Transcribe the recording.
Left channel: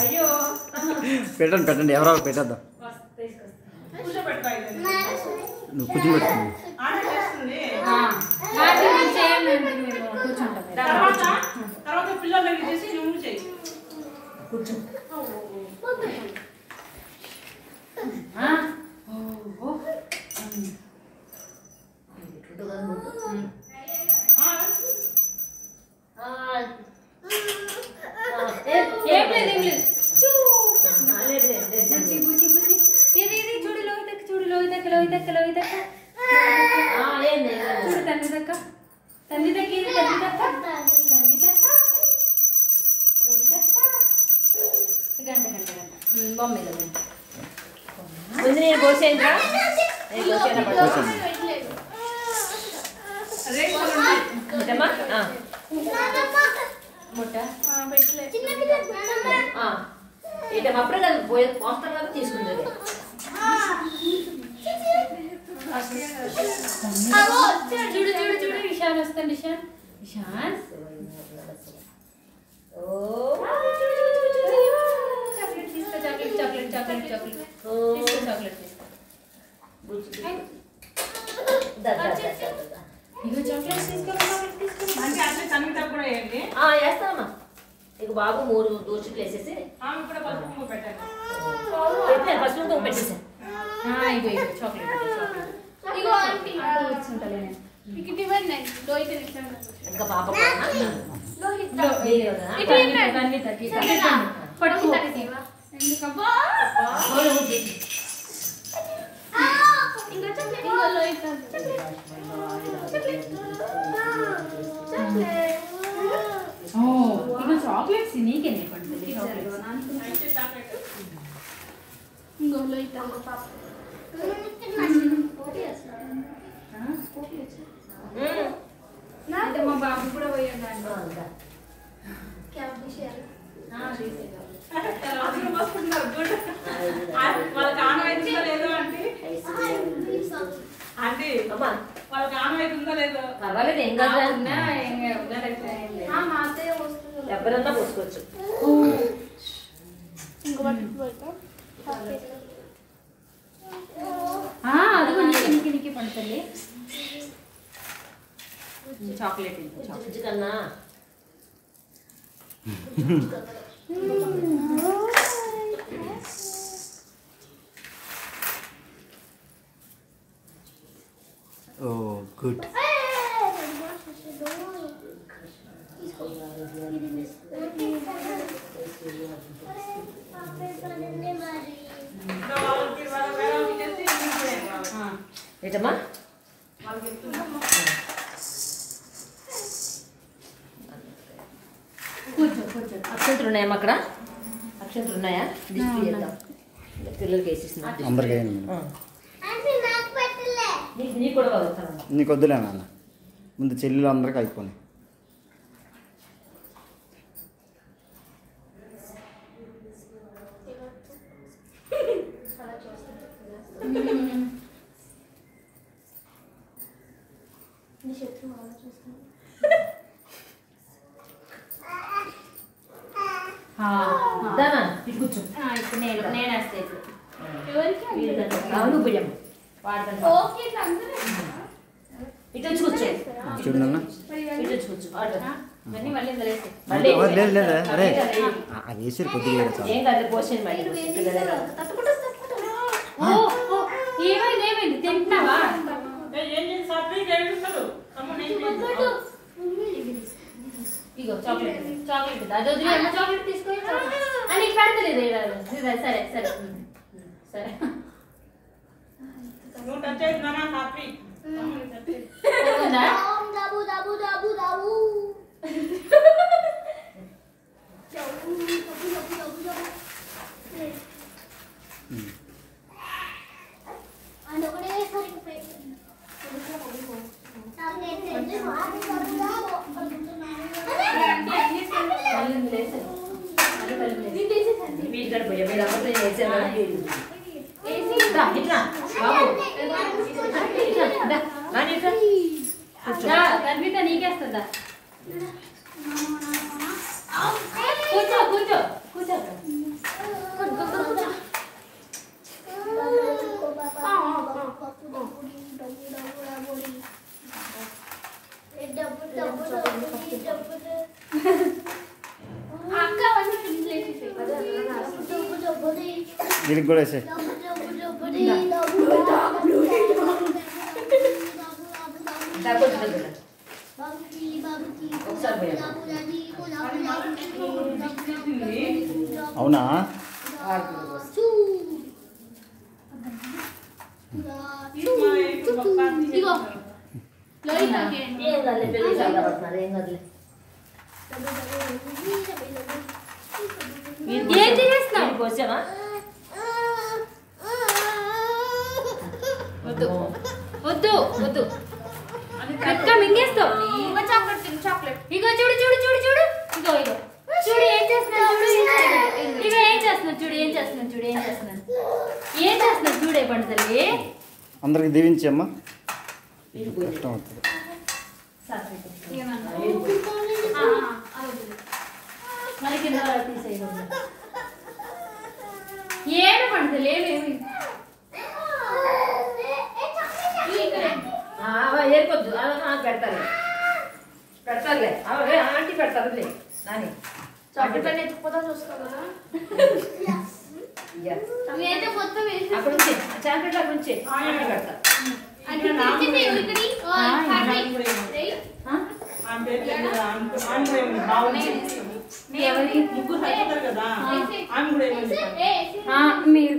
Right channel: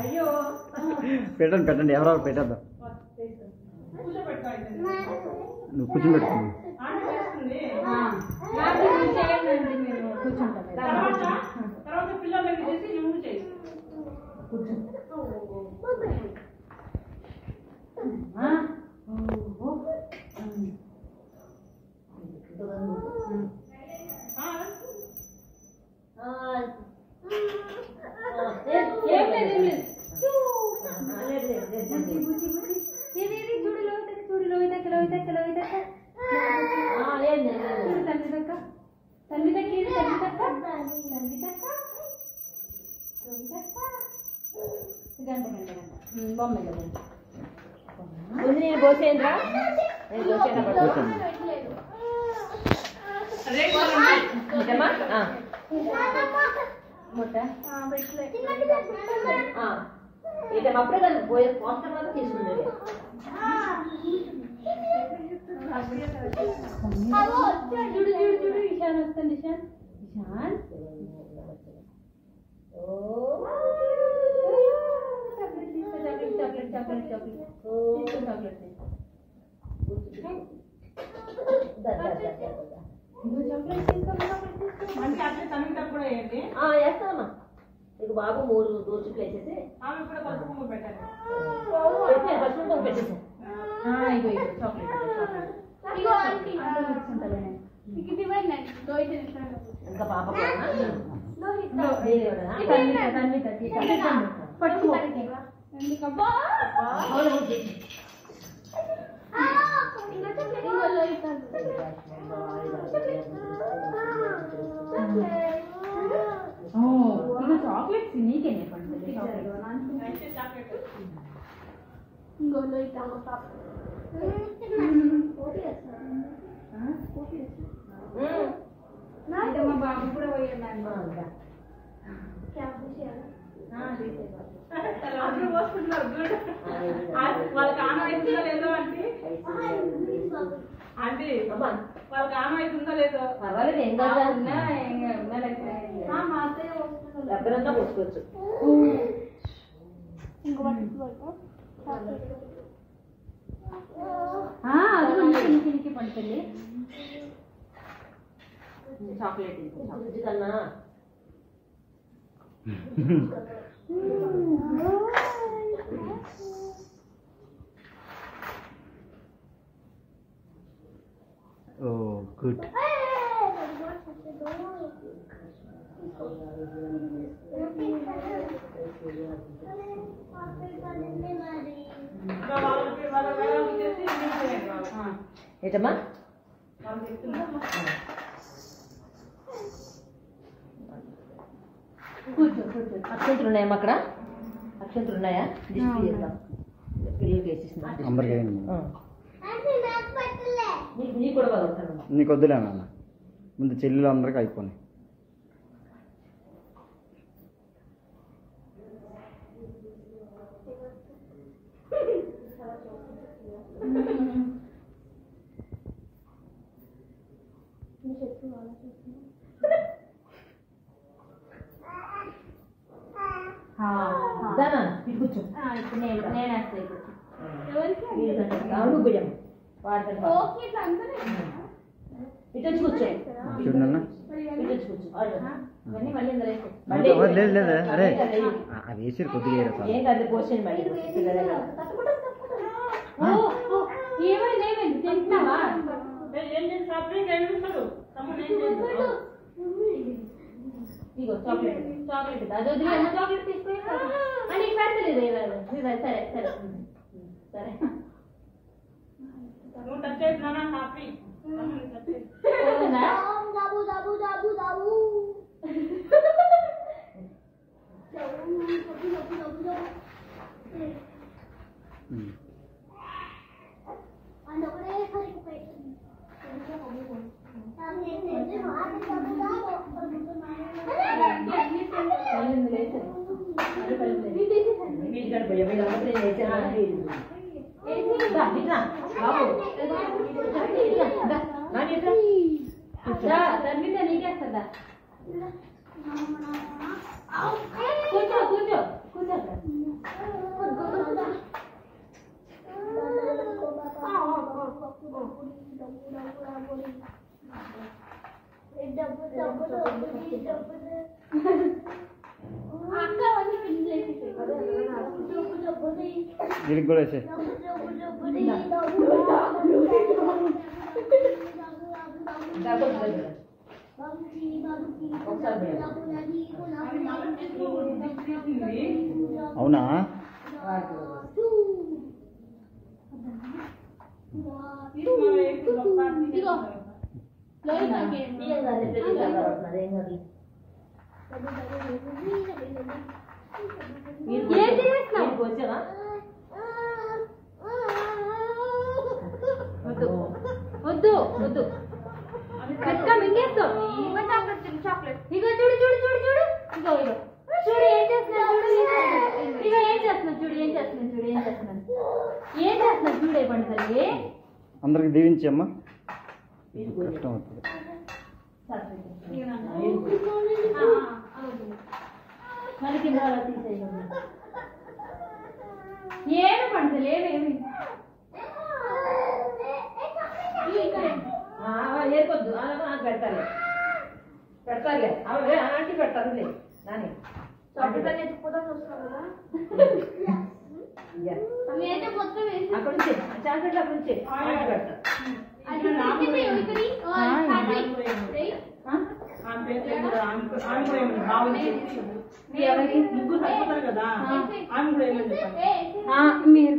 అయ్యో పెట్టండి పెట్టండి ఎవరో పెట్టేద్దాం నువ్వు కూర్చోబెట్టుకుంది తర్వాత పిల్లలకి చేసి నువ్వు చెయ్యి కూర్చో ముందు నేను పోసేయండిరా ఏటమ్మా అప్పుడే కదా పోస్తాం కదా తీసుకుంటుంది చూడు చూడు చూడు విశాల్ వస్తాను విశాల్ విశాల్ చాక్లెట్ తీసుకో చాక్లెట్ చాక్లెట్ చాక్లెట్ చాక్లెట్ తీసుకో చాక్లెట్ ఇగో చాక్లెట్ తీసుకో చాక్లెట్ తీసుకో మంచి అట్లే సంగీతం కూడా వేయండి వేస్తామమ్మా ఇక బాబు 3 దోశలు వేసేసి ఆమె కూడా పసుపు కుంకుమ పెట్టండి పసుపు కుంకుమ పెట్టేసాను ఇగో ఇగో చాక్లెట్ చాక్లెట్ ఇగో ఆంటీ కూర్చుంటాను మీకు డివైడ్ నైన్ లోహిత్ ఇంకా పాప కూడా పట్టుకుంటాను ఎందుకబ్బా ఇంకా చాక్లెట్ ఇంకో లోహిత్ ఇగో చాక్లెట్స్ నీకేనే పండుతుంది చాక్లెట్ ఇంకో లోహిత్ పాప మా బాబు కూడా పోయండి వాళ్ళకి ఆనవాయితుందో లేదో అంటే ఆంటీ వాళ్ళకి ఆనవాయితుందో లేదో పర్వాలేదు ఏం కాదు ఎవరన్నా పోసుకోవచ్చు అది నీకు నీకు పడుతుంది చాక్లెట్ కన్నా ఓ గుడ్ ఏటమ్మా అక్షంతులు ఉన్నాయమ్మా అక్కడ అక్షంతులు ఉన్నాయా డిస్ప్లే చేద్దాం పిల్లలకి వేసేసిన అందరికీ నీకు కూడా వదులుతాను నీకు వద్దులే నాన్న ముందు చెల్లెలు అందరికీ అయిపోయి కూర్చో ఇప్పుడు నేను వేస్తాను అవును బియ్యం వాడతాను ఇటు వచ్చి కూర్చో చూడన్నా ఇటు వచ్చి కూర్చో ఇవన్నీ మళ్ళీ ఇందులో వేసి లేదు లేదు అరే అది వేసారు కొద్దిగా ఏం కాదు పోషన్ మళ్ళీ పిల్లల ఏమైంది ఏమైంది తింటున్నావా ఇగో చాక్లెట్ చాక్లెట్ అది వదిలే చాక్లెట్ తీసుకో అని పెడతలేదు సరే సరే సరే నువ్వు టచ్ అయినా హ్యాపీ దాబు దాబు దాబు దాబు వీటికాడ పోయా మీరు అందరూ వేసాను గర్భిత నీకేస్తుందా వీళ్ళకి కూడా వేసే అవునా ఇగో లోహితాకి ఏం కాదులే, పెళ్లి కావాలి, ఏం కాదులే. ఏం తినేస్తున్నావు? నీకు వచ్చావా? వద్దు వద్దు వద్దు ఇంకా మింగేస్తావు. చాక్లెట్ ఇగో చూడు చూడు చూడు చూడు ఇగో ఇగో చూడు ఏం చేస్తున్నావు చూడు ఇగో ఏం చేస్తున్నావు చూడు ఏం చేస్తున్నావు చూడు ఏం చేస్తున్నావు ఏం చేస్తున్నావు చూడే పండుతలే అందరికి దీవించమ్మా కష్టం అవుతుంది మళ్ళీ కింద తీసేయకుండా ఏడు పండుతలే ఏర్కొద్దు పెడతారులే పెడతారులే ఆంటీ పెడతారులే నాని చాక్లెట్ ఎత్తుకుపోతా చూసుకోవాలి కదా అయితే మొత్తం వేసి అక్కడ ఉంచే చాక్లెట్ అక్కడ ఉంచే ఆంటీ పెడతారు ముగ్గురు సరిపోతారు కదా ఆమె కూడా ఏమని చెప్పారు మీరు